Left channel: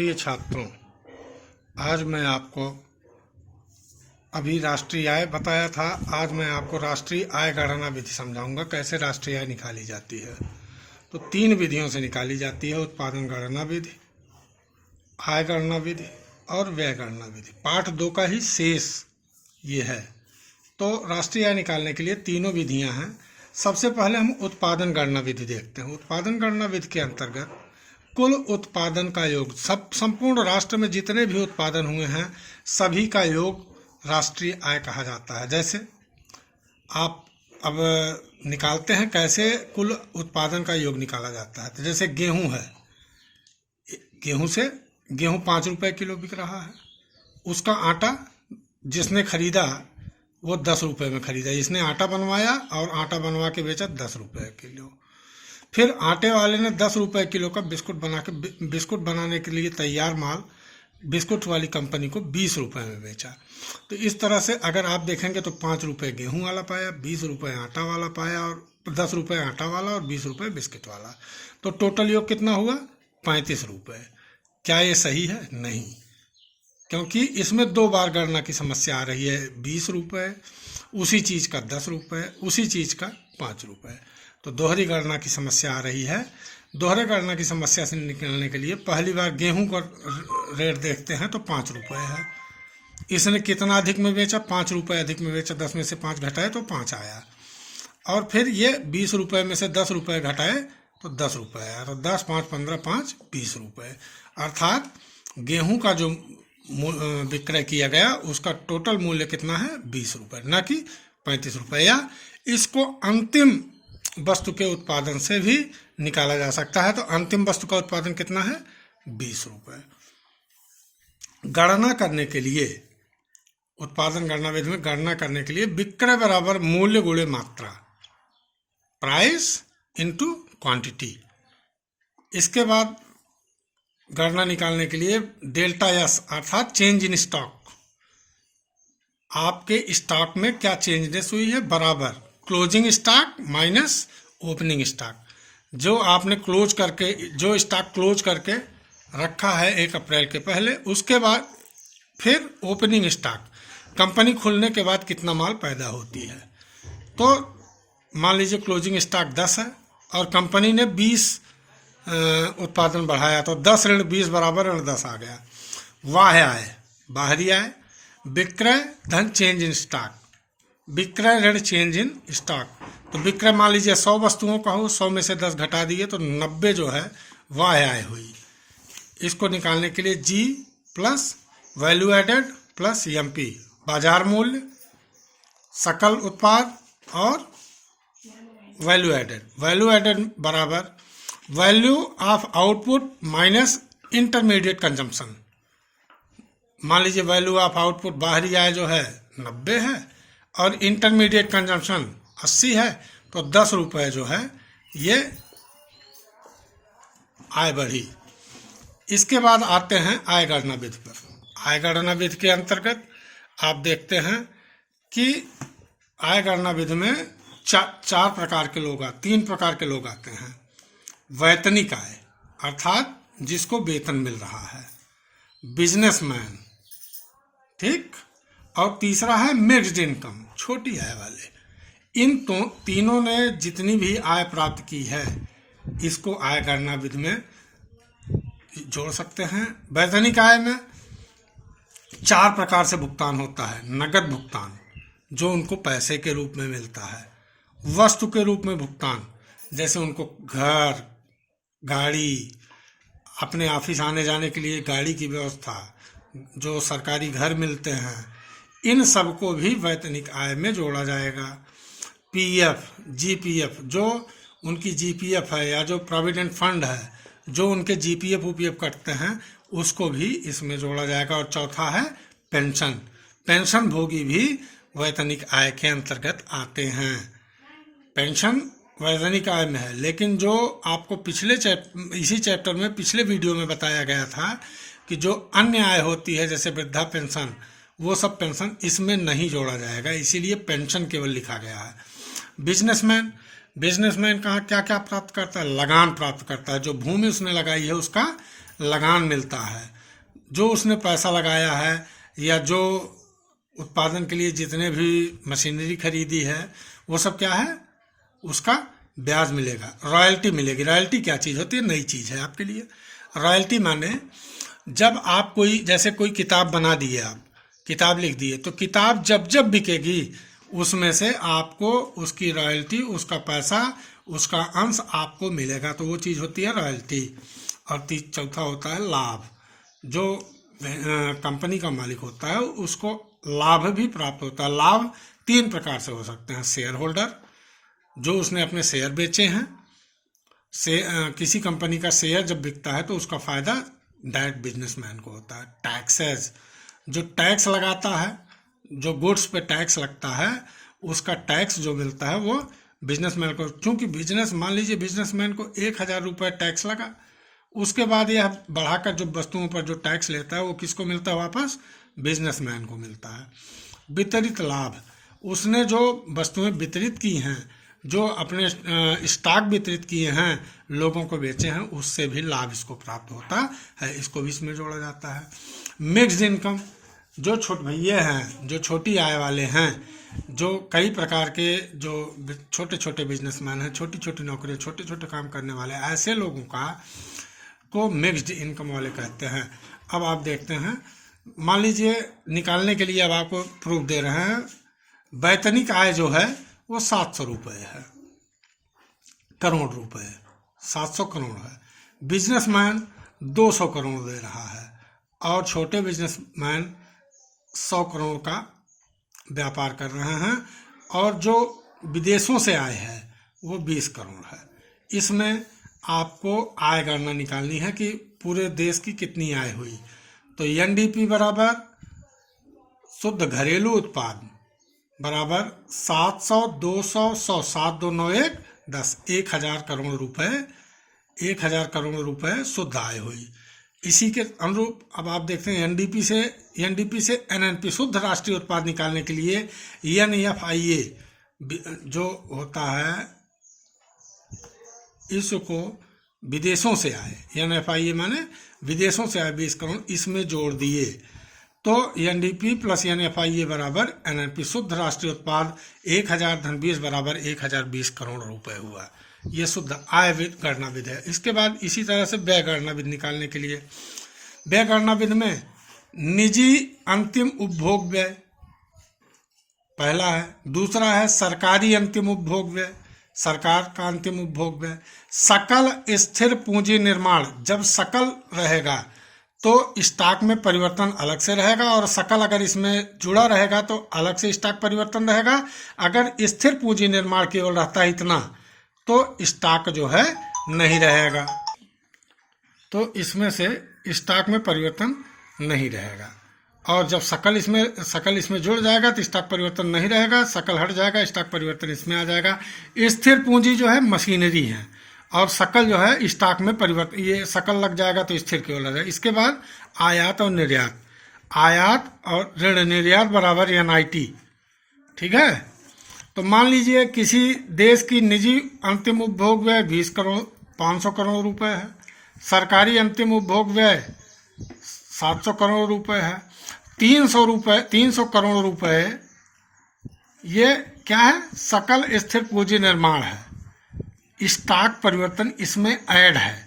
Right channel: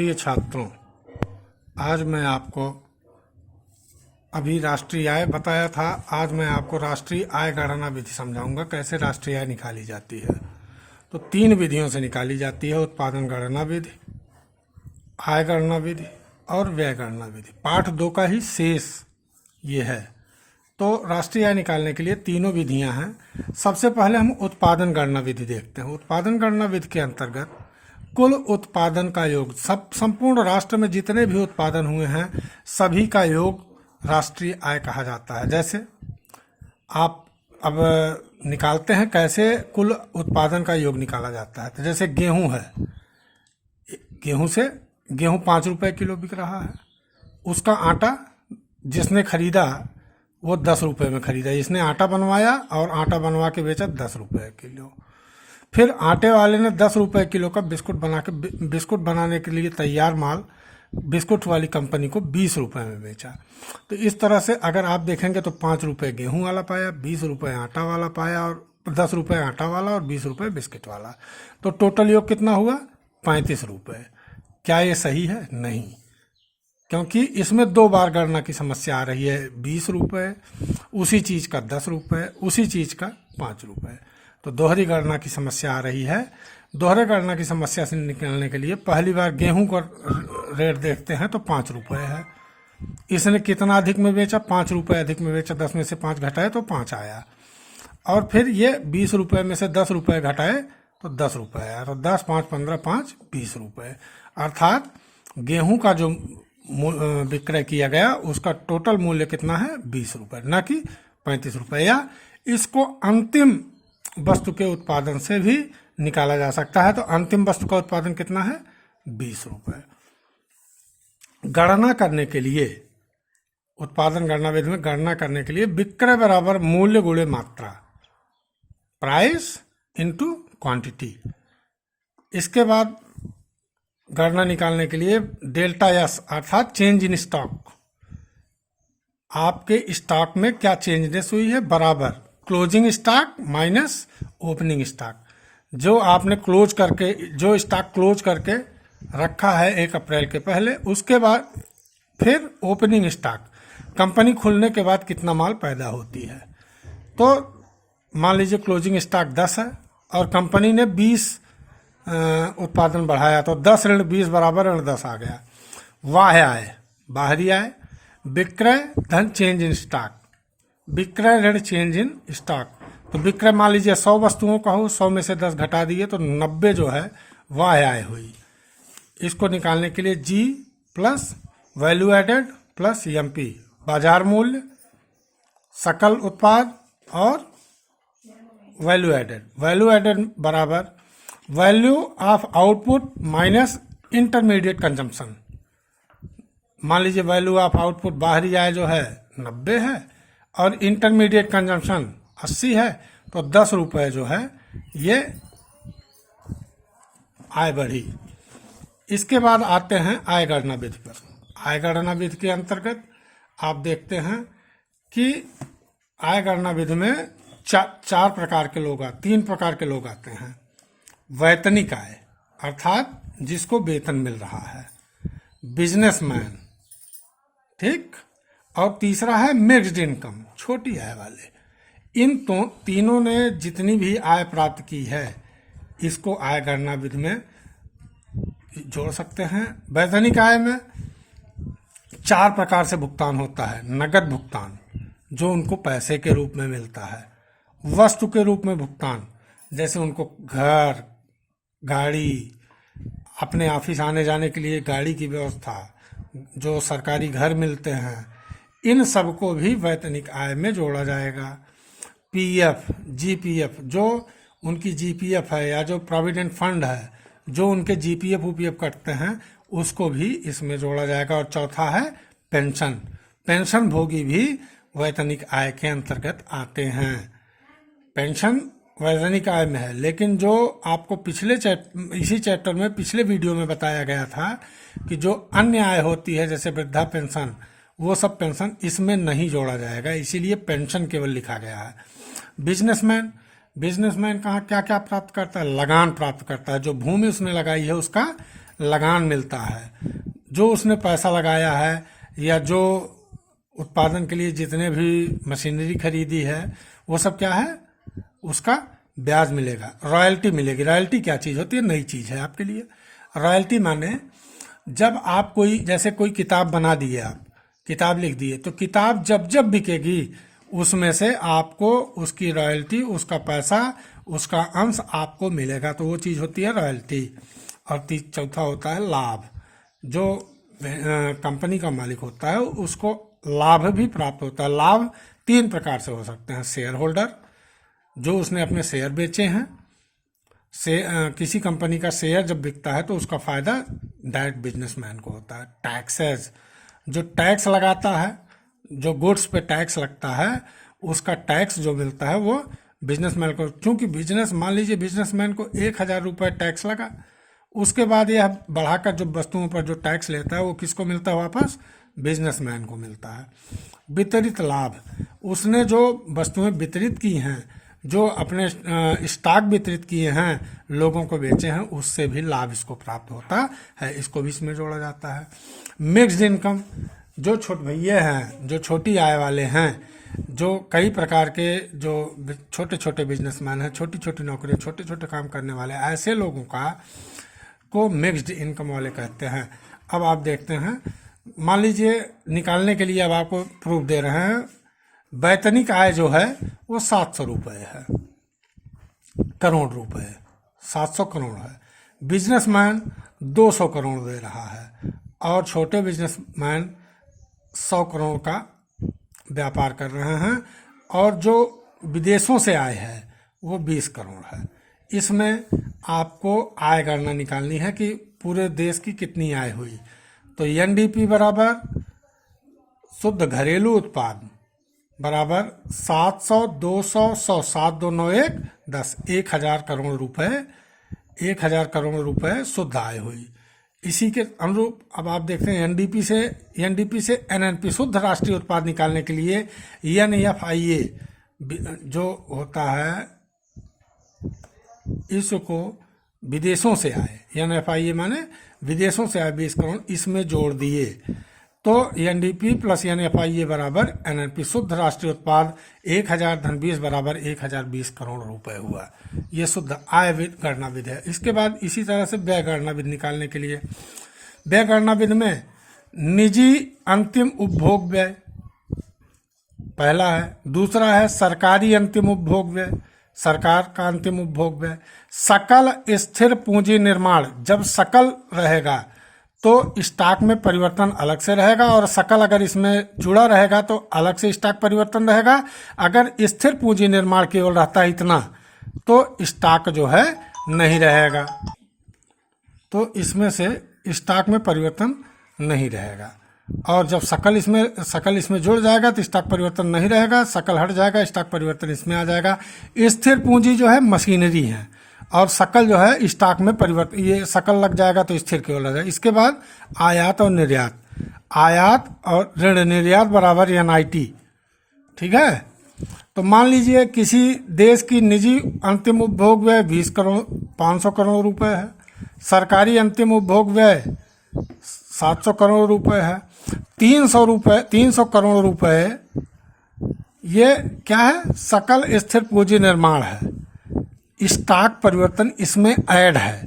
प्रिय छात्रों, आज मैं आपको अभी राष्ट्रीय आय बताया था। आज मैं आपको राष्ट्रीय आय गणना विधि समझाऊंगा, कैसे राष्ट्रीय आय निकाली जाती है। तो 3 विधियों से निकाली जाती है: उत्पादन गणना विधि, आय गणना विधि और व्यय गणना विधि। पाठ 2 का ही शेष ये है। तो राष्ट्रीय आय निकालने के लिए तीनों विधियां हैं। सबसे पहले हम उत्पादन गणना विधि देखते हैं। उत्पादन गणना विधि के अंतर्गत कुल उत्पादन का योग, संपूर्ण राष्ट्र में जितने भी उत्पादन हुए हैं सभी का योग राष्ट्रीय आय कहा जाता है। जैसे आप अब निकालते हैं कैसे कुल उत्पादन का योग निकाला जाता है। तो जैसे गेहूं है, गेहूं 5 रुपए किलो बिक रहा है। उसका आटा जिसने खरीदा वो 10 रुपए में खरीदा, जिसने आटा बनवाया और आटा बनवा के बेचा 10 रुपए किलो। फिर आटे वाले ने 10 रुपए किलो का बिस्कुट बनाने के लिए तैयार माल बिस्कुट वाली कंपनी को 20 रुपए में बेचा। तो इस तरह से अगर आप देखेंगे तो 5 रुपए गेहूं वाला पाया, 20 रुपए आटा वाला पाया, और 10 रुपए आटा वाला और 20 रुपए बिस्किट वाला। तो टोटल योग कितना हुआ? 35 रुपए। क्या ये सही है? नहीं, क्योंकि इसमें 2 बार गणना की समस्या आ रही है। 20 रुपए, उसी चीज़ का 10 रुपए, उसी चीज़ का 5 रुपए। तो दोहरी गणना की समस्या आ रही है। दोहरे गणना की समस्या से निकलने के लिए पहली बार गेहूं का रेट देखते हैं तो 5 रुपए है। इसने कितना अधिक में बेचा? 5 रुपए अधिक में बेचा। 10 में से 5 घटाए तो 5 आया। और फिर ये 20 रुपए में से 10 रुपए घटाए तो 10 रुपए आया। तो 10, 5, 15, 5, 20 रुपए। अर्थात गेहूं का जो विक्रय किया गया उसका टोटल मूल्य कितना है? 20 रुपए, न कि 35 रुपए। या इसको अंतिम वस्तु के उत्पादन से भी निकाला जा सकता है। तो अंतिम वस्तु का उत्पादन कितना है? 20 रुपए। गणना करने के लिए, उत्पादन गणना विधि में गणना करने के लिए विक्रय बराबर मूल्य गुणे मात्रा, प्राइस इनटू क्वांटिटी। इसके बाद गणना निकालने के लिए डेल्टा एस अर्थात चेंज इन स्टॉक, आपके स्टॉक में क्या चेंजनेस हुई है, बराबर closing stock minus opening stock. जो आपने क्लोज करके, जो स्टॉक क्लोज करके रखा है 1 अप्रैल के पहले, उसके बाद फिर ओपनिंग स्टॉक, कंपनी खुलने के बाद कितना माल पैदा होती है। तो मान लीजिए क्लोजिंग स्टॉक 10 है और कंपनी ने 20 उत्पादन बढ़ाया, तो 10 ऋण 20 बराबर ऋण 10 आ गया। बाह्य आय, बाहरी आय, विक्रय धन चेंज इन स्टॉक, विक्रय ऋण चेंज इन स्टॉक। तो विक्रय मान लीजिए 100 वस्तुओं का हो, 100 में से 10 घटा दिए तो 90 जो है बाह्य आय हुई। इसको निकालने के लिए G plus value added plus MP, बाजार मूल्य, सकल उत्पाद और वैल्यू एडेड। वैल्यू एडेड बराबर value of output minus intermediate consumption. मान लीजिए वैल्यू ऑफ आउटपुट बाहरी आय जो है 90 है और इंटरमीडिएट कंजम्पशन 80 है, तो 10 रुपए जो है ये आय बढ़ी। इसके बाद आते हैं आय गणना विधि पर। आय गणना विधि के अंतर्गत आप देखते हैं कि आय गणना विधि में 3 प्रकार के लोग आते हैं। वैतनिक आय अर्थात जिसको वेतन मिल रहा है, बिजनेसमैन, ठीक, और तीसरा है मिक्स्ड इनकम, छोटी आय वाले। इन तीनों ने जितनी भी आय प्राप्त की है इसको आय गणना विधि में जोड़ सकते हैं। वैतनिक आय में 4 प्रकार से भुगतान होता है। नगद भुगतान, जो उनको पैसे के रूप में मिलता है। वस्तु के रूप में भुगतान, जैसे उनको घर, गाड़ी, अपने ऑफिस आने जाने के लिए गाड़ी की व्यवस्था, जो सरकारी घर मिलते हैं, इन सबको भी वैतनिक आय में जोड़ा जाएगा। पीएफ, जीपीएफ, जो उनकी जीपीएफ है या जो प्रोविडेंट फंड है, जो उनके जीपीएफ उपीएफ कटते हैं, उसको भी इसमें जोड़ा जाएगा। और चौथा है पेंशन। पेंशन भोगी भी वैतनिक आय के अंतर्गत आते हैं। पेंशन वैतनिक आय में है, लेकिन जो आपको इसी चैप्टर में पिछले वीडियो में बताया गया था कि जो अन्य आय होती है जैसे वृद्धा पेंशन, वो सब पेंशन इसमें नहीं जोड़ा जाएगा, इसीलिए पेंशन केवल लिखा गया है। बिजनेसमैन कहाँ क्या क्या प्राप्त करता है? लगान प्राप्त करता है। जो भूमि उसने लगाई है उसका लगान मिलता है, जो उसने पैसा लगाया है या जो उत्पादन के लिए जितने भी मशीनरी खरीदी है वो सब क्या है, उसका ब्याज मिलेगा, रॉयल्टी मिलेगी। रॉयल्टी क्या चीज़ होती है, नई चीज़ है आपके लिए। रॉयल्टी माने जब आप कोई, जैसे कोई किताब बना दिए, आप किताब लिख दिए, तो किताब जब जब बिकेगी उसमें से आपको उसकी रॉयल्टी, उसका पैसा, उसका अंश आपको मिलेगा, तो वो चीज़ होती है रॉयल्टी। और चौथा होता है लाभ। जो कंपनी का मालिक होता है उसको लाभ भी प्राप्त होता है। लाभ 3 प्रकार से हो सकते हैं। शेयर होल्डर, जो उसने अपने शेयर बेचे हैं, किसी कंपनी का शेयर जब बिकता है तो उसका फायदा डायरेक्ट बिजनेसमैन को होता है। टैक्सेस, जो टैक्स लगाता है, जो गुड्स पे टैक्स लगता है, उसका टैक्स जो मिलता है वो बिजनेसमैन को, क्योंकि मान लीजिए बिजनेसमैन को 1,000 रुपये टैक्स लगा, उसके बाद यह बढ़ाकर जो वस्तुओं पर जो टैक्स लेता है वो किसको मिलता है, वापस बिजनेसमैन को मिलता है। वितरित लाभ, उसने जो वस्तुएं वितरित की हैं, जो अपने स्टॉक वितरित किए हैं, लोगों को बेचे हैं, उससे भी लाभ इसको प्राप्त होता है, इसको भी इसमें जोड़ा जाता है। मिक्स्ड इनकम, जो छोटे भैया हैं, जो छोटी आय वाले हैं, जो कई प्रकार के जो छोटे छोटे बिजनेसमैन हैं, छोटी छोटी नौकरियां, छोटे छोटे काम करने वाले, ऐसे लोगों को मिक्स्ड इनकम वाले कहते हैं। अब आप देखते हैं, मान लीजिए निकालने के लिए अब आपको प्रूफ दे रहे हैं, वैतनिक आय जो है वो 700 रुपये है, करोड़ रुपए, 700 करोड़ है। बिजनेसमैन 200 करोड़ दे रहा है, और छोटे बिजनेसमैन 100 करोड़ का व्यापार कर रहे हैं, और जो विदेशों से आए हैं वो 20 करोड़ है। इसमें आपको आय गणना निकालनी है कि पूरे देश की कितनी आय हुई। तो एनडीपी बराबर शुद्ध घरेलू उत्पाद बराबर 700, 200, 100, 7, 2, 9, 1, 10, 1,000 करोड़ रुपए, 1,000 करोड़ रुपए शुद्ध आय हुई। इसी के अनुरूप अब आप देखते हैं एनडीपी से एनएनपी, शुद्ध राष्ट्रीय उत्पाद निकालने के लिए एनएफआईए जो होता है, इसको विदेशों से आए, एनएफआईए माने विदेशों से आए 20 करोड़, इसमें जोड़ दिए, तो एनडीपी प्लस एनएफआईए बराबर एनएनपी, शुद्ध राष्ट्रीय उत्पाद 1,000 धन 20 बराबर 1,020 करोड़ रुपए हुआ। ये शुद्ध आय गणना विधि है। इसके बाद इसी तरह से व्यय गणना विधि निकालने के लिए, व्यय गणना विधि में निजी अंतिम उपभोग व्यय पहला है, दूसरा है सरकारी अंतिम उपभोग व्यय, सरकार का अंतिम उपभोग व्यय। सकल स्थिर पूंजी निर्माण, जब सकल रहेगा तो स्टॉक में परिवर्तन अलग से रहेगा, और सकल अगर इसमें जुड़ा रहेगा तो अलग से स्टॉक परिवर्तन रहेगा। अगर स्थिर पूंजी निर्माण केवल रहता है इतना, तो स्टॉक जो है नहीं रहेगा, तो इसमें से स्टॉक में परिवर्तन नहीं रहेगा। और जब सकल इसमें जुड़ जाएगा तो स्टॉक परिवर्तन नहीं रहेगा, सकल हट जाएगा, स्टॉक परिवर्तन इसमें आ जाएगा। स्थिर पूंजी जो है मशीनरी है, और सकल जो है स्टॉक में परिवर्तन, ये सकल लग जाएगा तो स्थिर केवल लग जाएगा। इसके बाद आयात और निर्यात, आयात और ऋण निर्यात बराबर एनआईटी, ठीक है। तो मान लीजिए किसी देश की निजी अंतिम उपभोग व्यय 20 करोड़ 500 करोड़ रुपए है, सरकारी अंतिम उपभोग व्यय 700 करोड़ रुपए है, 300 करोड़ रुपए ये क्या है, सकल स्थिर पूंजी निर्माण है, स्टॉक परिवर्तन इसमें ऐड है।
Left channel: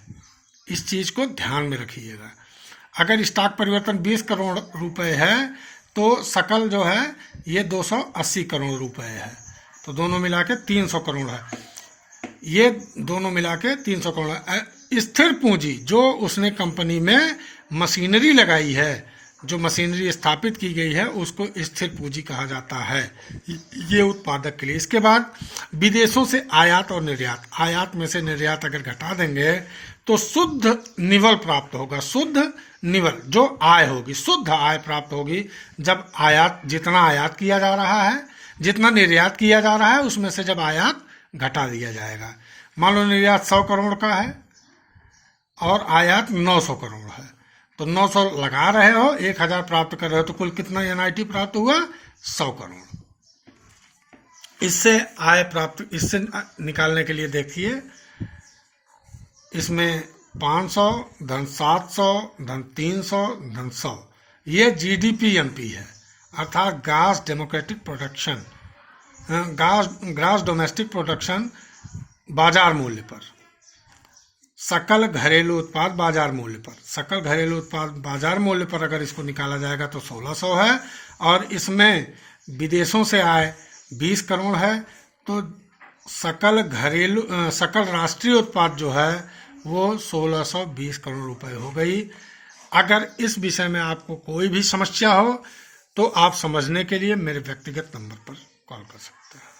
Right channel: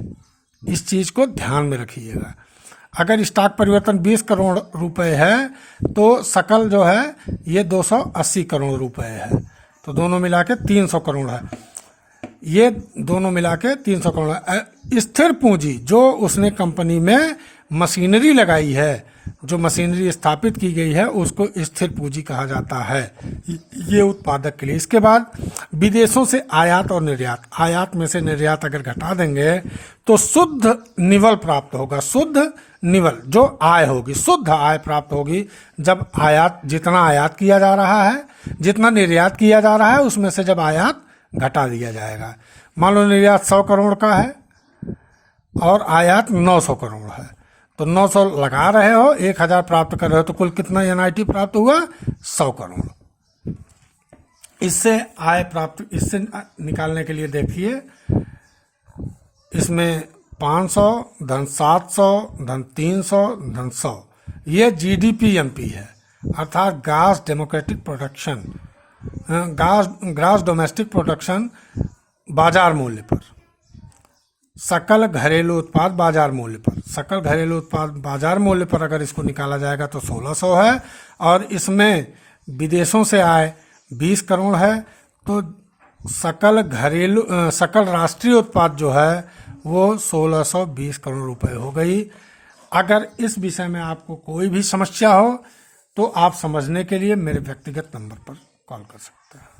इस चीज को ध्यान में रखिएगा। अगर स्टॉक परिवर्तन 20 करोड़ रुपए है तो सकल जो है ये 280 करोड़ रुपए है, तो दोनों मिला के 300 करोड़ है। ये दोनों मिला के 300 करोड़ है। स्थिर पूंजी जो उसने कंपनी में मशीनरी लगाई है, जो मशीनरी स्थापित की गई है, उसको स्थिर पूंजी कहा जाता है, ये उत्पादक के लिए। इसके बाद विदेशों से आयात और निर्यात, आयात में से निर्यात अगर घटा देंगे तो शुद्ध निवल प्राप्त होगा। शुद्ध निवल जो आय होगी, शुद्ध आय प्राप्त होगी जब आयात, जितना आयात किया जा रहा है, जितना निर्यात किया जा रहा है, उसमें से जब आयात घटा दिया जाएगा। मान लो निर्यात 100 करोड़ का है और आयात 900 करोड़ है, तो 900 लगा रहे हो, 1,000 प्राप्त कर रहे हो, तो कुल कितना एनआईटी प्राप्त हुआ, 100 करोड़। इससे आय प्राप्त, इससे निकालने के लिए देखिए, इसमें 500 धन 700 धन 300 धन 100, ये GDP-NP है, अर्थात grass democratic production, grass domestic production बाजार मूल्य पर, सकल घरेलू उत्पाद बाजार मूल्य पर। सकल घरेलू उत्पाद बाजार मूल्य पर अगर इसको निकाला जाएगा तो 1600 है, और इसमें विदेशों से आय 20 करोड़ है, तो सकल राष्ट्रीय उत्पाद जो है वो 1620 करोड़ रुपए हो गई। अगर इस विषय में आपको कोई भी समस्या हो तो आप समझने के लिए मेरे व्यक्तिगत नंबर पर कॉल कर सकते हैं।